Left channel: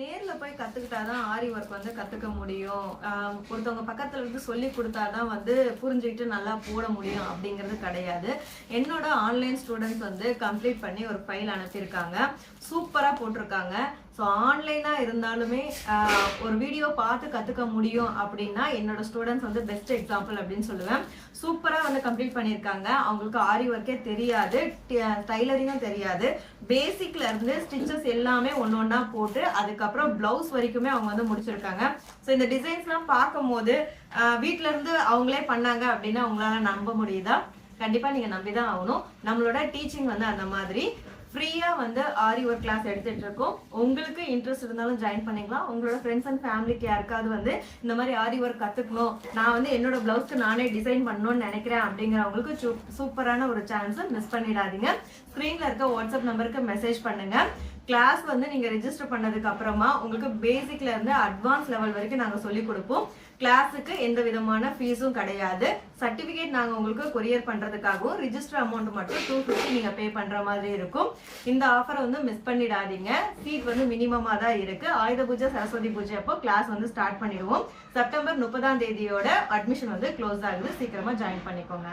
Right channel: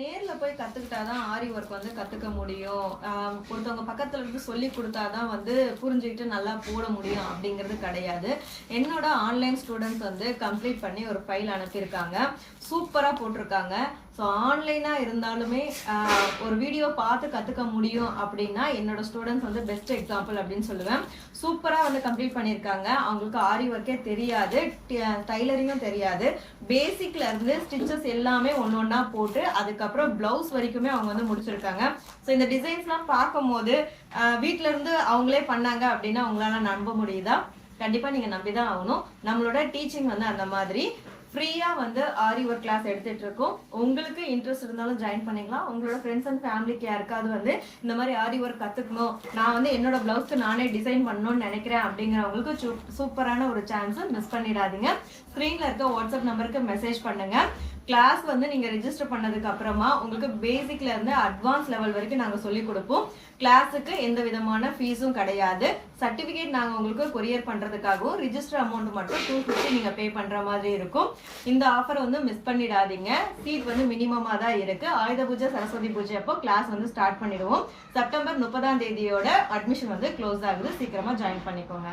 நேர்ல போய் கத்துக்கிட்டாதான் ஆரி ஒர்க் வந்து கத்துக்க முடியும். ஒருத்தவங்க பக்கத்துல இருந்து சொல்லி கொடுத்தாதான் வந்து புரிஞ்சுக்கிட்டு நல்லா போட முடியும் அப்படிங்கிறது கிடையாது. என்னோட ஆன்லைன் ஸ்டூடெண்ட்ஸ் வந்து கம்ப்ளீட் பண்ணி ஒரு ஃபைல் அனுப்பியிருக்காங்க. சூப்பரா போட்டிருக்காங்க. ஸோ ஆன்லைனாக இருந்தாலுமே ஒரு வீடியோ பார்த்து கற்றுக்க முடியும் அப்படின்னா என்னோட ஸ்டூடெண்ட்ஸ் வந்து பெஸ்ட் எக்ஸாம்பிள் அப்படின்னு சொல்லுவேன். சூப்பராக வந்து கம்ப்ளீட் பண்ணியிருக்காங்க. அவங்களுக்கு ஆரி ஒர்க்கே தெரியாது, டைலரிங்கும் தெரியாது. பேசிக்ல இருந்து ஸ்டிச்சஸ் எல்லாமே ஒன்று ஒன்றா போட்டு அதுக்கப்புறம் பிளவுஸ் வரைக்குமே அவங்க வந்து முடிச்சிருக்காங்க. ஸோ இந்த டிசைன்ஸ்லாம் பார்க்கும் போது வீட்டில இருந்து அவங்களே பண்ணாங்க அப்படின்னா அவங்களால நம்ப முடியுதா? கண்டிப்பாக நீங்கள் நம்பி தான் ஆகணும். நம்மளோட டீச்சிங் வந்து அந்த மாதிரி ஃப்ரீயா வந்து ஆரி ஒர்க் கிளாஸ் எடுத்துட்டு இருக்கோம். உங்களுக்கு இன்ட்ரெஸ்ட் இருந்தாலும் ஜாயின் பண்ணிக்கலாம். உங்களோட ஃப்ரெண்ட்ஸ் அண்ட் ஃபேமிலிக்கு யாருக்காவது வந்து இந்த மாதிரி ஆரி ஒர்க் கத்துக்கணும், நான் வந்து என்னோட பிளவுஸ்க்கு நானே டிசைன் பண்ணணும்னு நினைக்கிறேன் அப்படிங்கிறவங்களுக்கு சூப்பரான ஒரு சான்ஸ் மிஸ் பண்ணிடாதீங்க. ஸ்கிரீன்ல இருக்க வாட்ஸ்அப் நம்பருக்கு மெசேஜ் பண்ணுங்க. கிளாஸ் வந்து நீங்க ரெஜிஸ்டர் பண்ணதுக்கு அப்புறமா உங்களுக்கு பேசிக்ல இருந்து அட்வான்ஸ் லெவல் வரைக்கும் நாங்க சொல்லி கொடுப்போம். கிளாஸுக்கு எந்த விதமான ஃபீஸும் கிடையாது. சர்டிபிகேட் நாங்க உங்களுக்கு கொரியர் பண்றதுக்காகவும் ரிஜிஸ்டர் அமௌண்ட் மட்டும் 250 நீங்க பே பண்ற மாதிரி இருக்கும். இந்த ஆஃபர் வந்து மிஸ் பண்ணிடாதீங்க. சீட் வந்து மினிமமா தான் இருக்கு. ஆயுத பூஜை, சரஸ்வதி பூஜை அப்போ கிளாஸ் வந்து ஸ்டார்ட் பண்ணிடுவோம். செப்டம்பர் 30ஆம் தேதியோட அட்மிஷன் வந்து க்ளோஸ் ஆகுது. சீக்கிரமா ஜாயின் பண்ணிக்கோங்க.